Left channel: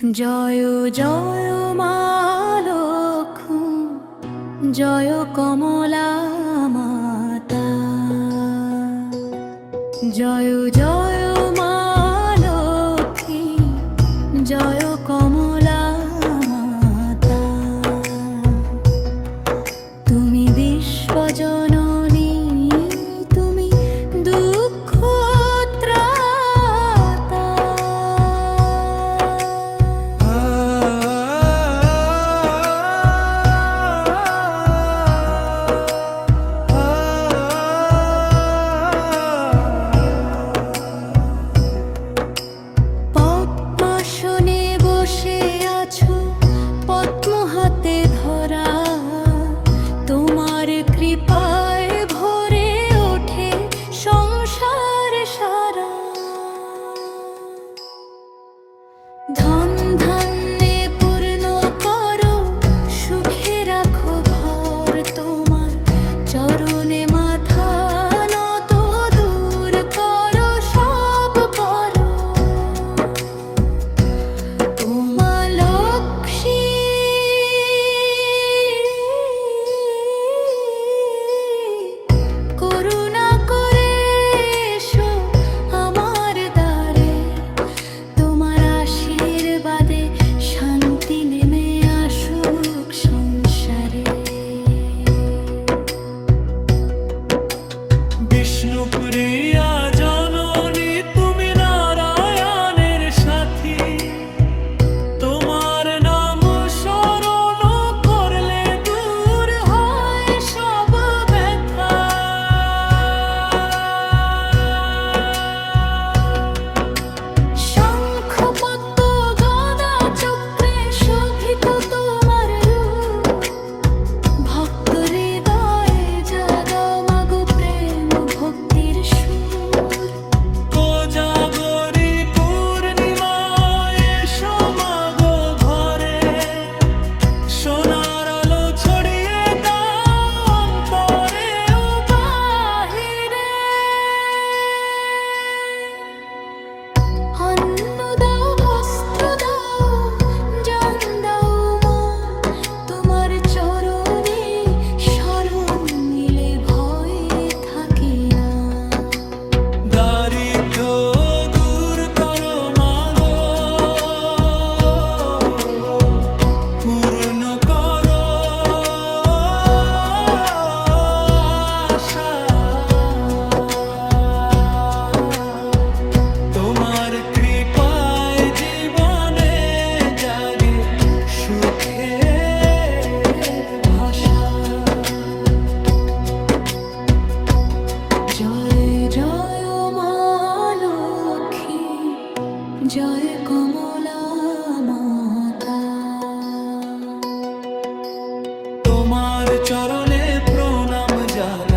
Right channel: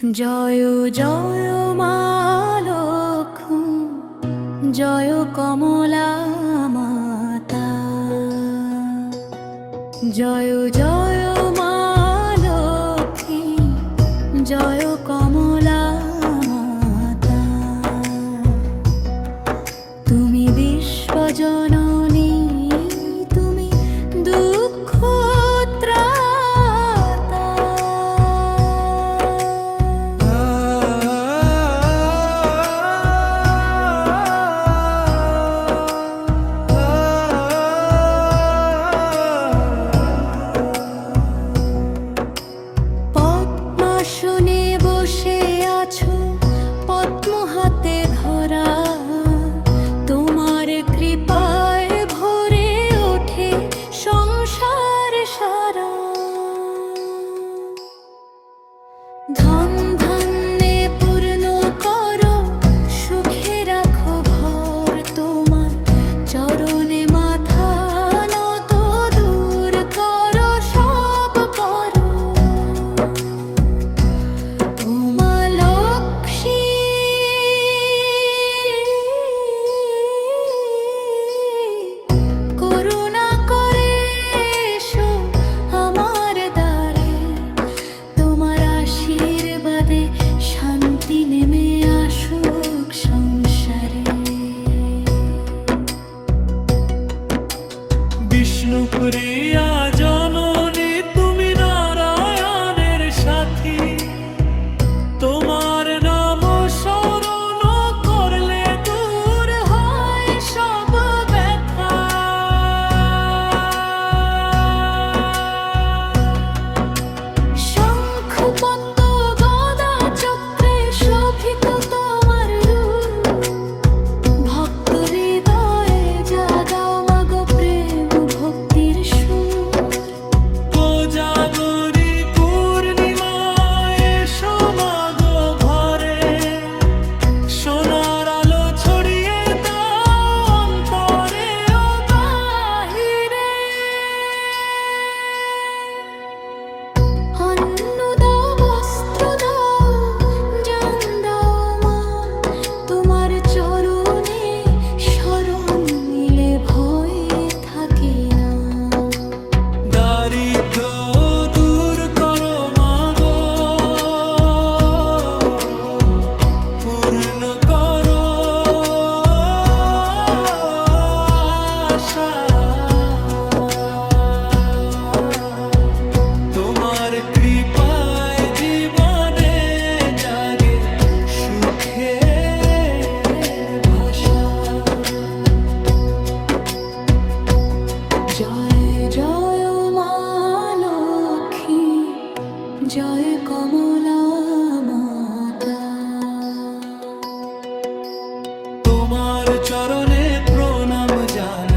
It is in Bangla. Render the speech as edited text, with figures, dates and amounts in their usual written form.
জয় জয় মা লক্ষ্মী, জয় কমলা মাতা। জয় জয় মা লক্ষ্মী, জয় কমলা মাতা। তুমি বিশ্বজননী, তুমি দুঃখ ত্রাতা। পদ্মাসনে বসে আছো, পদ্ম হাতে ধরা, তোমার কৃপায় ভরে ওঠে সংসার সারা। ধন ধান্যে পূর্ণ করো, সুখে রাখো ভর, তোমার চরণে মাথা নত, দূর করো সব পর। ও মা লক্ষ্মী, করুণা করে এসো আমার দ্বারে, তোমার আশীর্বাদে শান্তি নেমে আসুক সংসারে। বিষ্ণুপ্রিয়া জননী, তুমি নারায়ণের সাথী, তোমার নাম স্মরণ করলে দূর হয় সব ব্যথা। শঙ্খ পদ্ম গদা চক্রে শোভিত তোমার রূপ, ভক্ত হৃদয়ে জাগাও মাগো প্রেম ভক্তির সুর। কোজাগরী পূর্ণিমায় এসো মাগো ঘরে, সোনার আলো ছড়িয়ে দাও অন্তরে ও বাহিরে। অন্ন দাও, বস্ত্র দাও, জন দাও মা, তোমার চরণে শরণ নিলে ভয় থাকে না। দারিদ্র দূর করো মাগো, পূর্ণ করো আশা। তোমার কৃপায় জীবনে জাগে সুখের ভাষা। জয় জয় মা লক্ষ্মী, জয় কমলা মাতা। তোমার চরণে প্রণাম জানাই।